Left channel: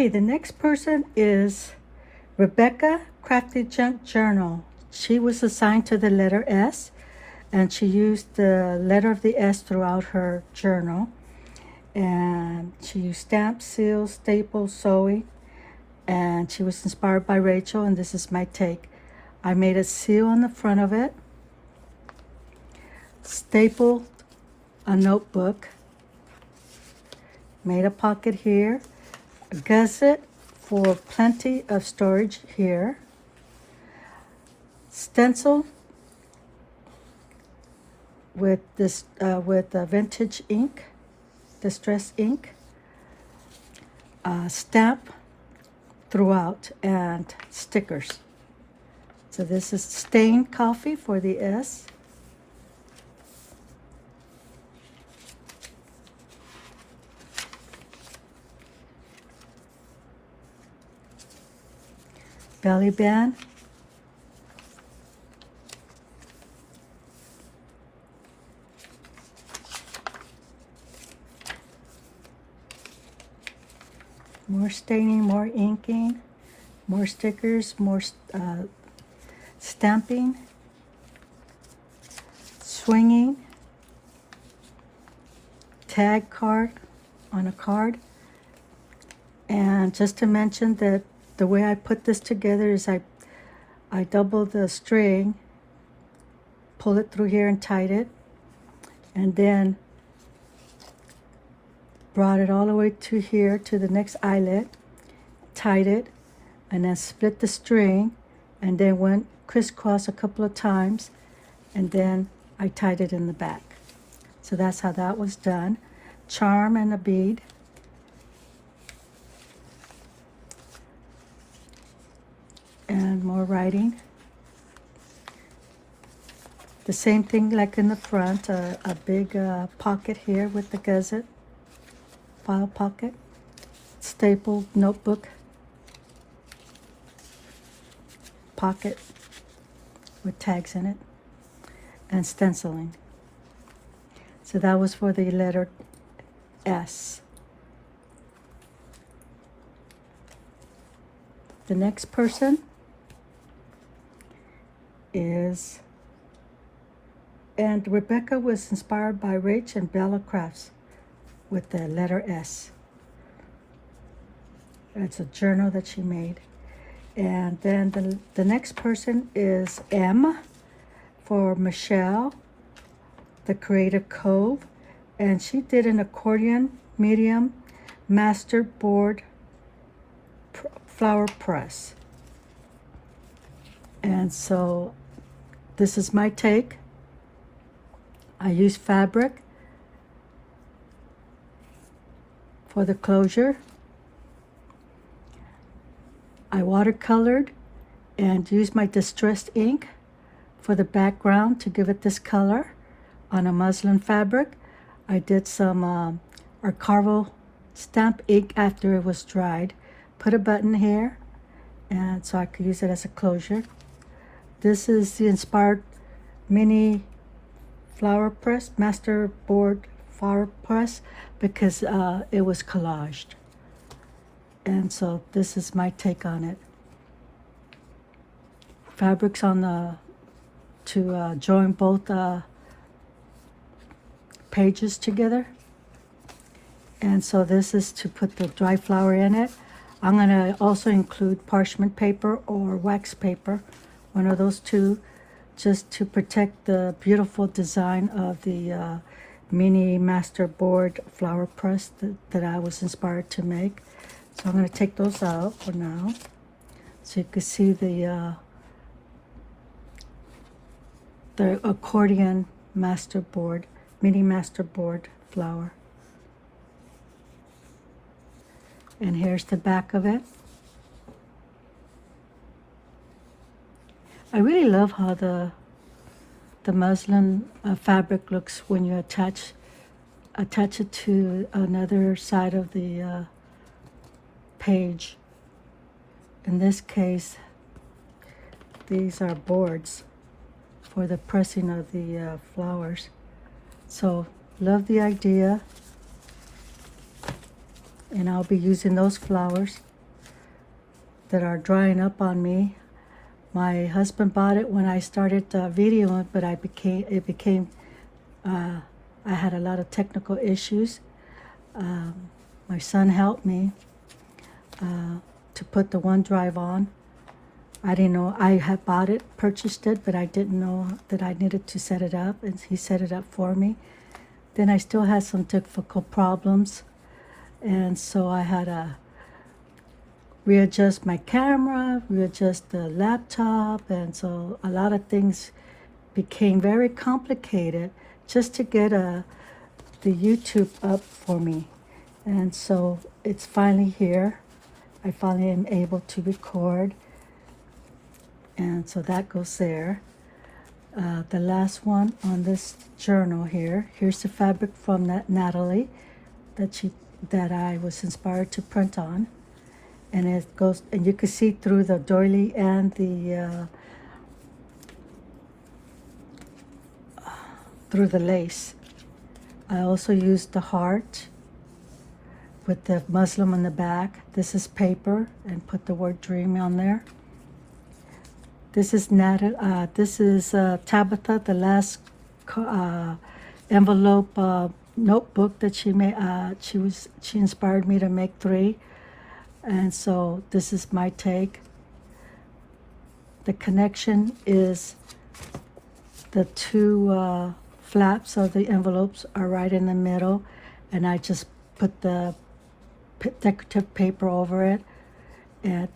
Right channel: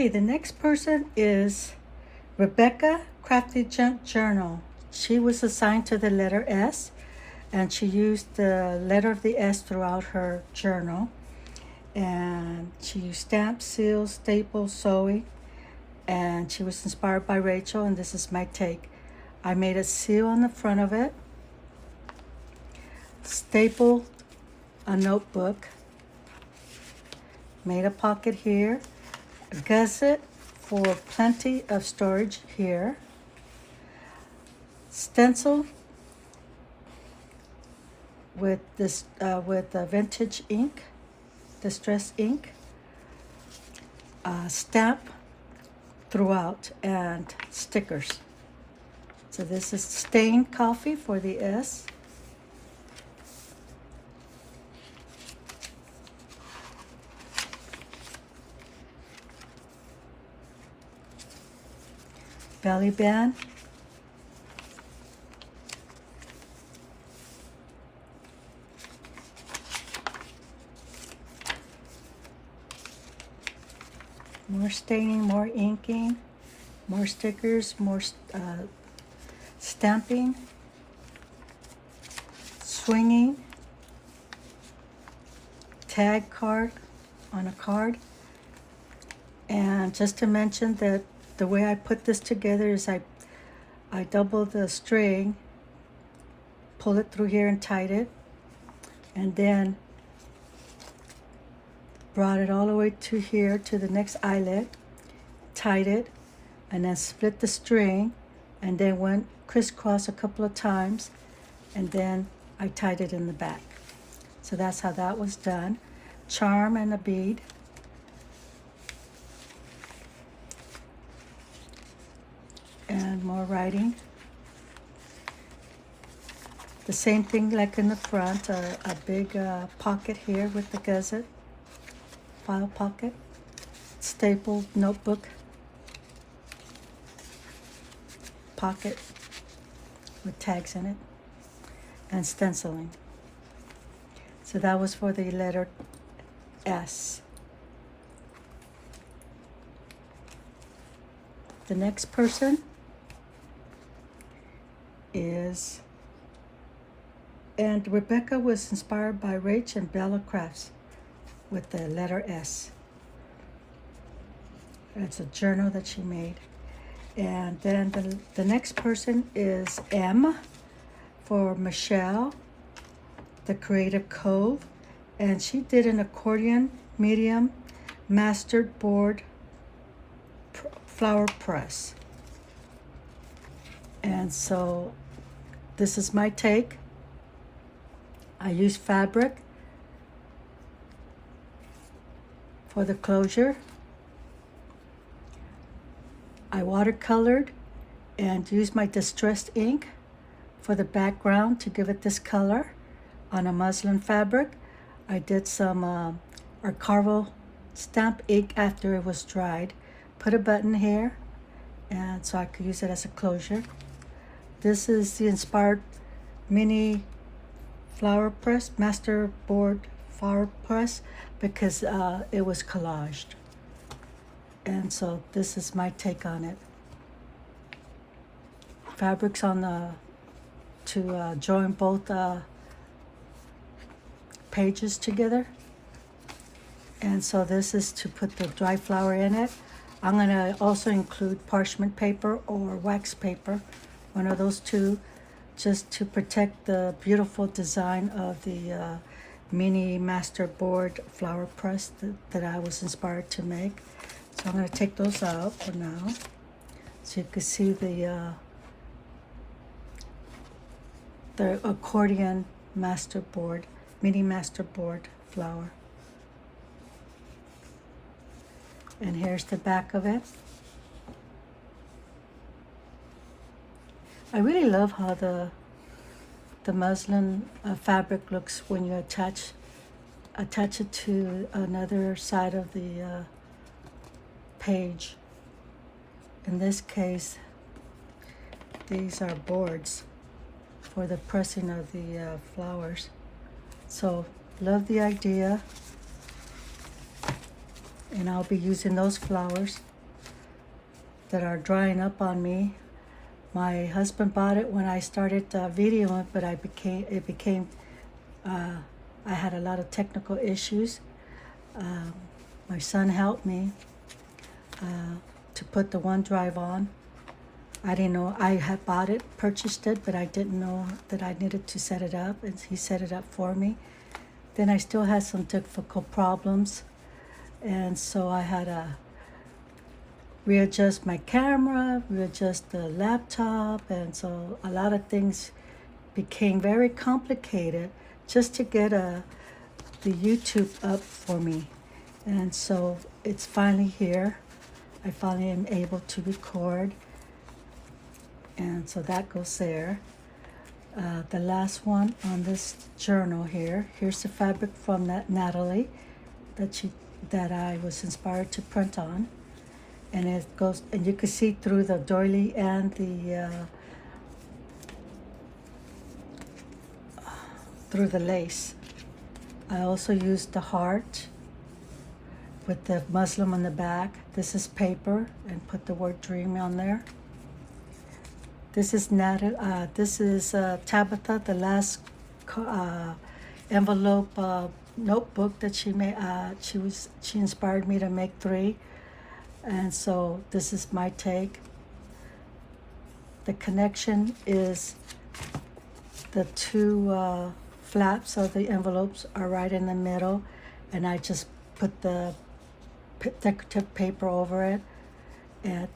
Okay, the next person is Rebecca Crafty Junk Journal. She was assigned to the letter S, and she used the letter of the S throughout her journal. And she used stamps, seals, staples, sewing, and she was inspired by Rachel, and this is my take. I made a seal on the front of it, stapled a notebook, made a pocket here, a gusset for plenty of storage here, stencil with this vintage ink, distress ink, stamp throughout, and stickers. So this is stained coffee for the S. Belly band. More staining, more inking, more stickers, more stamping, swinging, tag card on a card. And just to mention that the way I put this together is I double the string, pull it through here and tied it, and then brought it all the way to here to the next eyelet, tied it, and then split the string, and then went crisscross a couple of times, and then I tied it in the back. So that's how that was done. Charm and a bead. And more writing. The same thing like in the front, a big pocket here with the gusset, file pocket, stapled notebook, pocket with tags in it, and stenciling. So that was for the letter S. The next person is, and Rebecca was inspired by RachandBella Crafts with the letter S. It's a journal that she made. And then the next person is M for Michelle, the Creative Cove, and she did an accordion medium mastered board flower press. And so this is my take. I use fabric for the closure. I watercolored and used my distressed ink for the background to give it this color on a muslin fabric. I did some Archival stamp ink after it was dried. Put a button here, and so I could use it as a closure. This is the inspired mini flower press, master board flower press, because it was collaged. And so this is my take on it. Fabrics on the, to join both pages together. And so this is to put the dry flower in it. I'm going to also include parchment paper or wax paper, one of those two, just to protect the beautiful design of the mini master board flower press that I was inspired to make. So I'm going to take those out for now, so you can see the accordion master board, mini master board flower. And here's the back of it. I really love how the muslin fabric looks when you attach it to another side of the page. In this case, these are boards for the pressing of the flowers. So love the idea. and I'll be using those flowers that are drying up on me. My husband bought it when I started videoing, but I had a lot of technical issues. My son helped me to put the OneDrive on. I didn't know, I had bought it, purchased it, but I didn't know that I needed to set it up, and he set it up for me. Then I still had some difficult problems, and so I had to readjust my camera, readjust the laptop, and so a lot of things became very complicated just to get the YouTube up for me. And so it's finally here. I finally am able to record, and so that goes there. The last one on this journal here's the fabric from Natalie that I was inspired to print on, and it goes, and you can see through the doily and through the lace. I also used the heart with the muslin on the back. This is paper, and put the word dream on there. This is Tabitha, the last envelope notebook that she made. She inspired me to make 3, and so this is my take. The connection is the 2 flaps of the envelopes are right in the middle, and I just put the decorative paper over it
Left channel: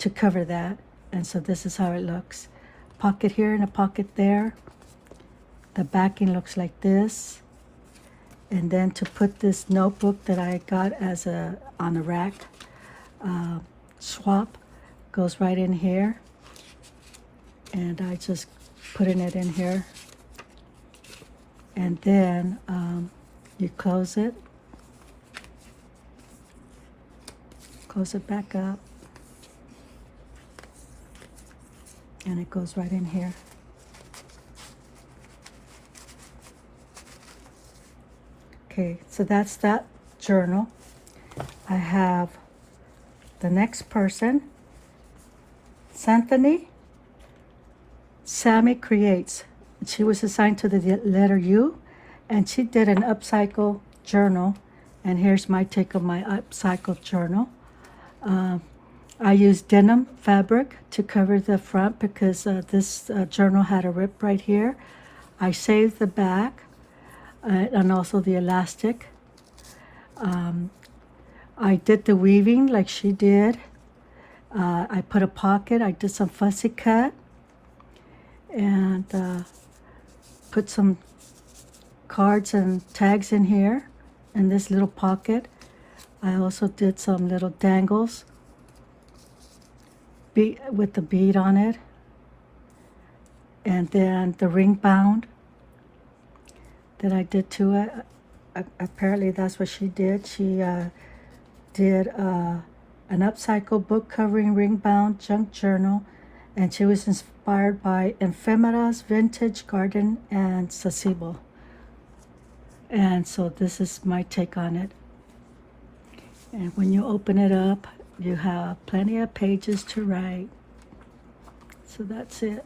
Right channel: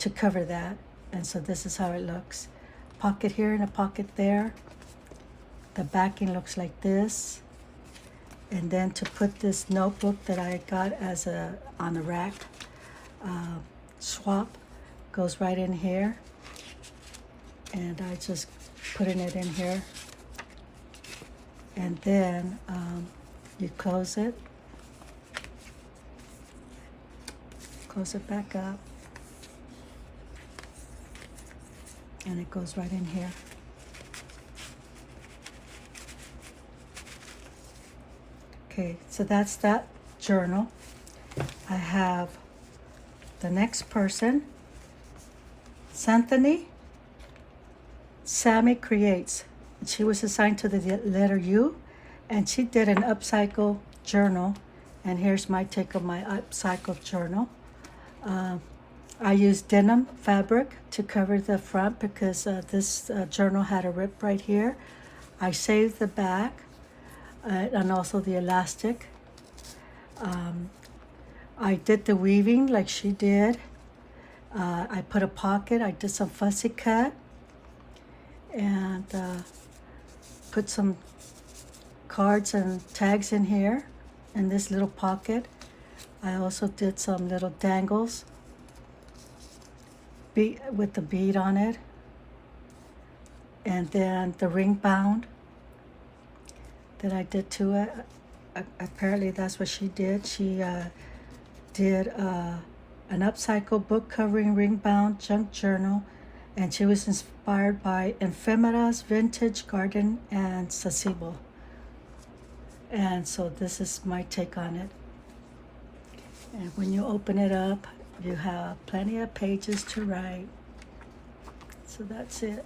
to cover that, and so this is how it looks. Pocket here and a pocket there. The backing looks like this, and then to put this notebook that I got as on a rack swap goes right in here, and I just putting it in here, and then you close it back up, and it goes right in here. Okay, so that's that journal. I have the next person, Santhony Sammy Creates. She was assigned to the letter U, and she did an upcycle journal, and here's my take of my upcycle journal. I used denim fabric to cover the front because this journal had a rip right here. I saved the back and also the elastic. I did the weaving like she did. I put a pocket. I did some fussy cut and put some cards and tags in here in this little pocket. I also did some little dangles with the bead on it, and then the ring bound that I did to it. Apparently that's what she did. She did an upcycle book covering ring bound junk journal, and she was inspired by Ephemera's Vintage Garden and Sasebo. And so this is my take on it. And when you open it up, you have plenty of pages to write. So that's it.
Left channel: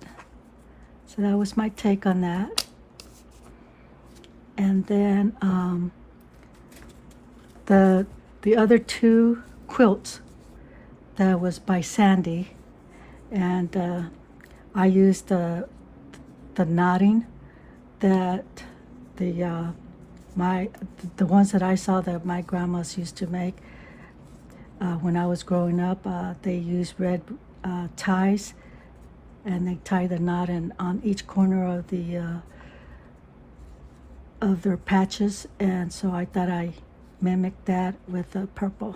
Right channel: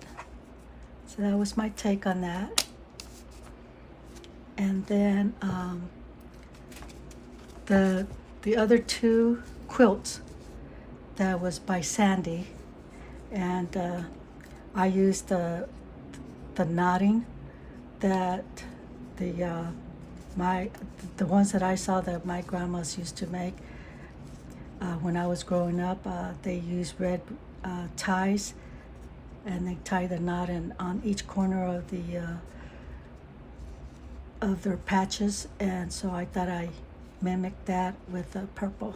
So that was my take on that. And then the other 2 quilts, that was by Sandy, and I used the knotting that the ones that I saw that my grandmas used to make. When I was growing up, they used red ties, and they tie the knot on each corner of their patches, and so I thought I mimicked that with purple.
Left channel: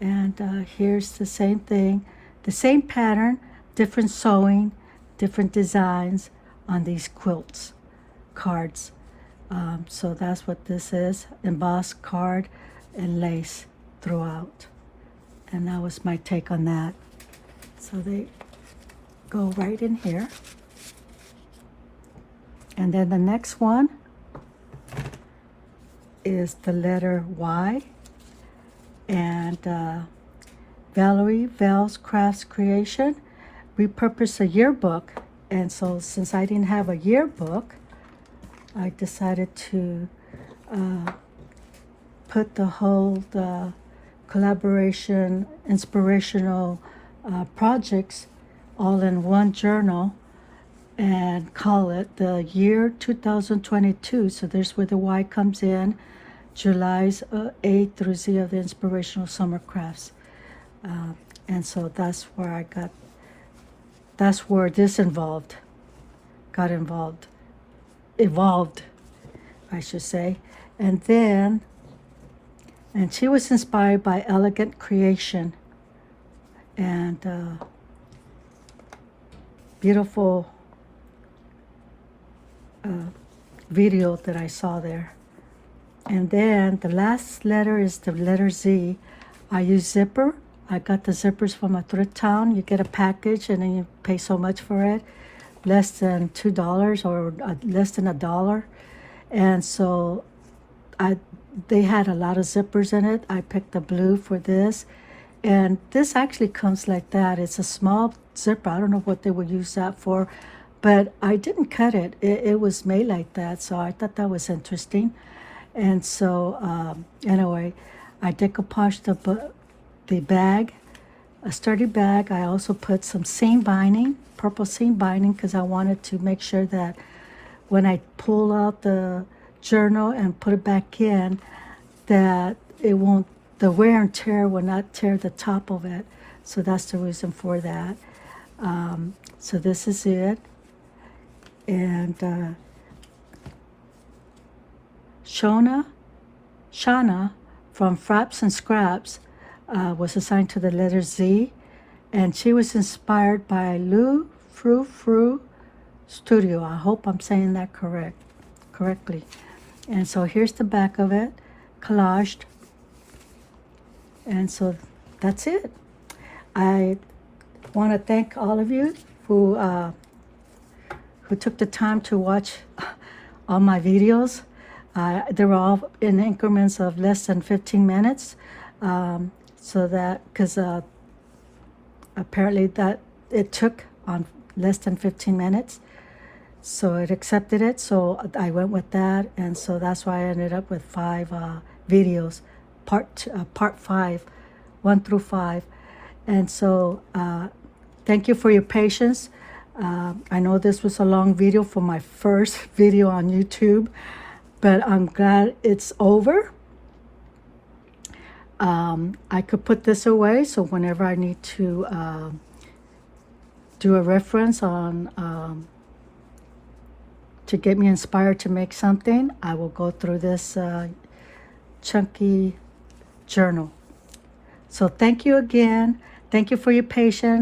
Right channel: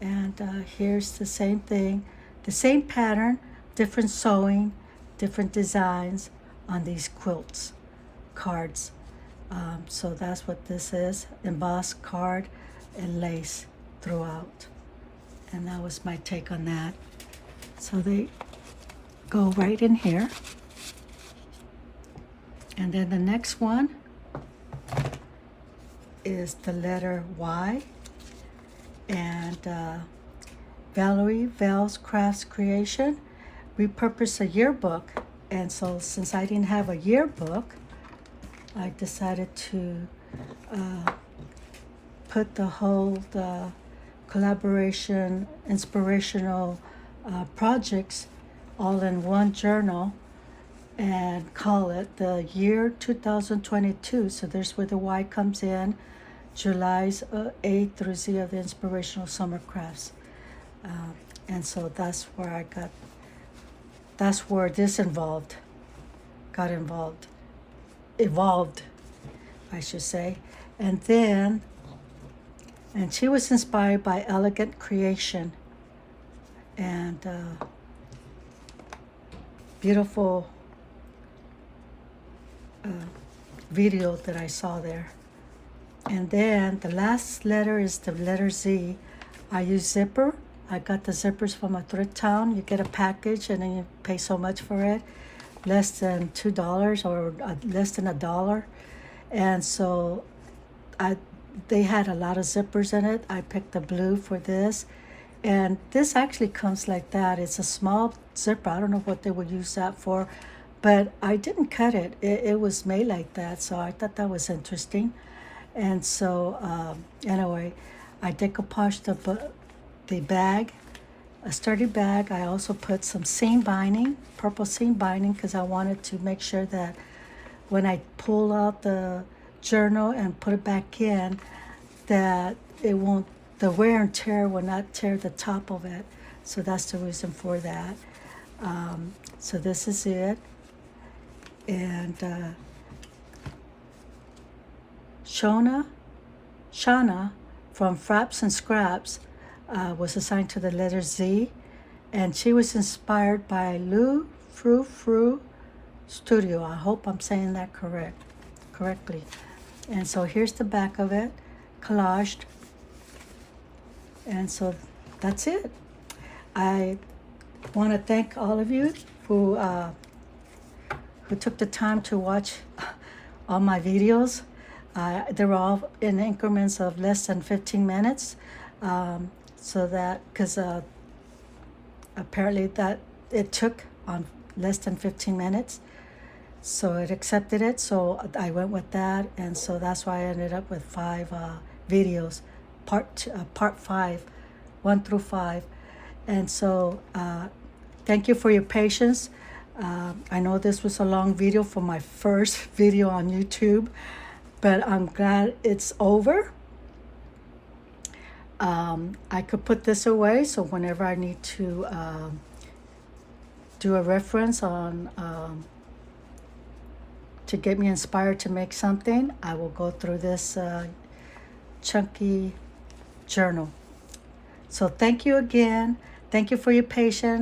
And here's the same thing, the same pattern, different sewing, different designs on these quilts cards. So that's what this is, embossed card and lace throughout. And that was my take on that. So they go right in here. And then the next one is the letter Y. and Valerie Vale's Crafts Creation repurposed a yearbook. And so since I didn't have a yearbook, I decided to put the collaboration inspirational projects all in one journal and call it the year 2022. So there's where the Y comes in, July's A through Z of the Inspirational Summer Crafts. And so that's where this evolved, I should say. And she was inspired by Elegant Creation and beautiful video that I saw there. And then the last letter is the letter Z. I use zipper. I got the zippers from a thrift town. You get a package and then you pay so much for it, less than $2 or less than $1. And so they had a lot of zippers in it. I picked the blue for this. And this actually comes like that. It's a small zipper. I don't know what they would use that for, but I didn't cut it. It was made like that, so I thought that was interesting. And so anyway, I decoupaged the bag, a sturdy bag. I also put some seam binding, purple seam binding, because I wanted to make sure that when I pull out the journal and put it back in, that the wear and tear will not tear the top of it. So that's the reason for that. So this is it. And Shana from Fraps and Scraps was assigned to the letter Z, and she was inspired by Lou Fru Fru Studio. I hope I'm saying that correctly. And so here's the back of it, collaged. And so that's it. I want to thank all of you who took the time to watch all my videos. They were all in increments of less than 15 minutes. So that, because apparently that it took on less than 15 minutes. So it accepted it. So I went with that. And so that's why I ended up with 5 videos, part 5, 1 through 5. And so thank you for your patience. I know this was a long video for my first video on YouTube, but I'm glad it's over. I could put this away, so whenever I need to do a reference on to get me inspired to make something, I will go through this chunky journal. So thank you again. Thank you for your patience.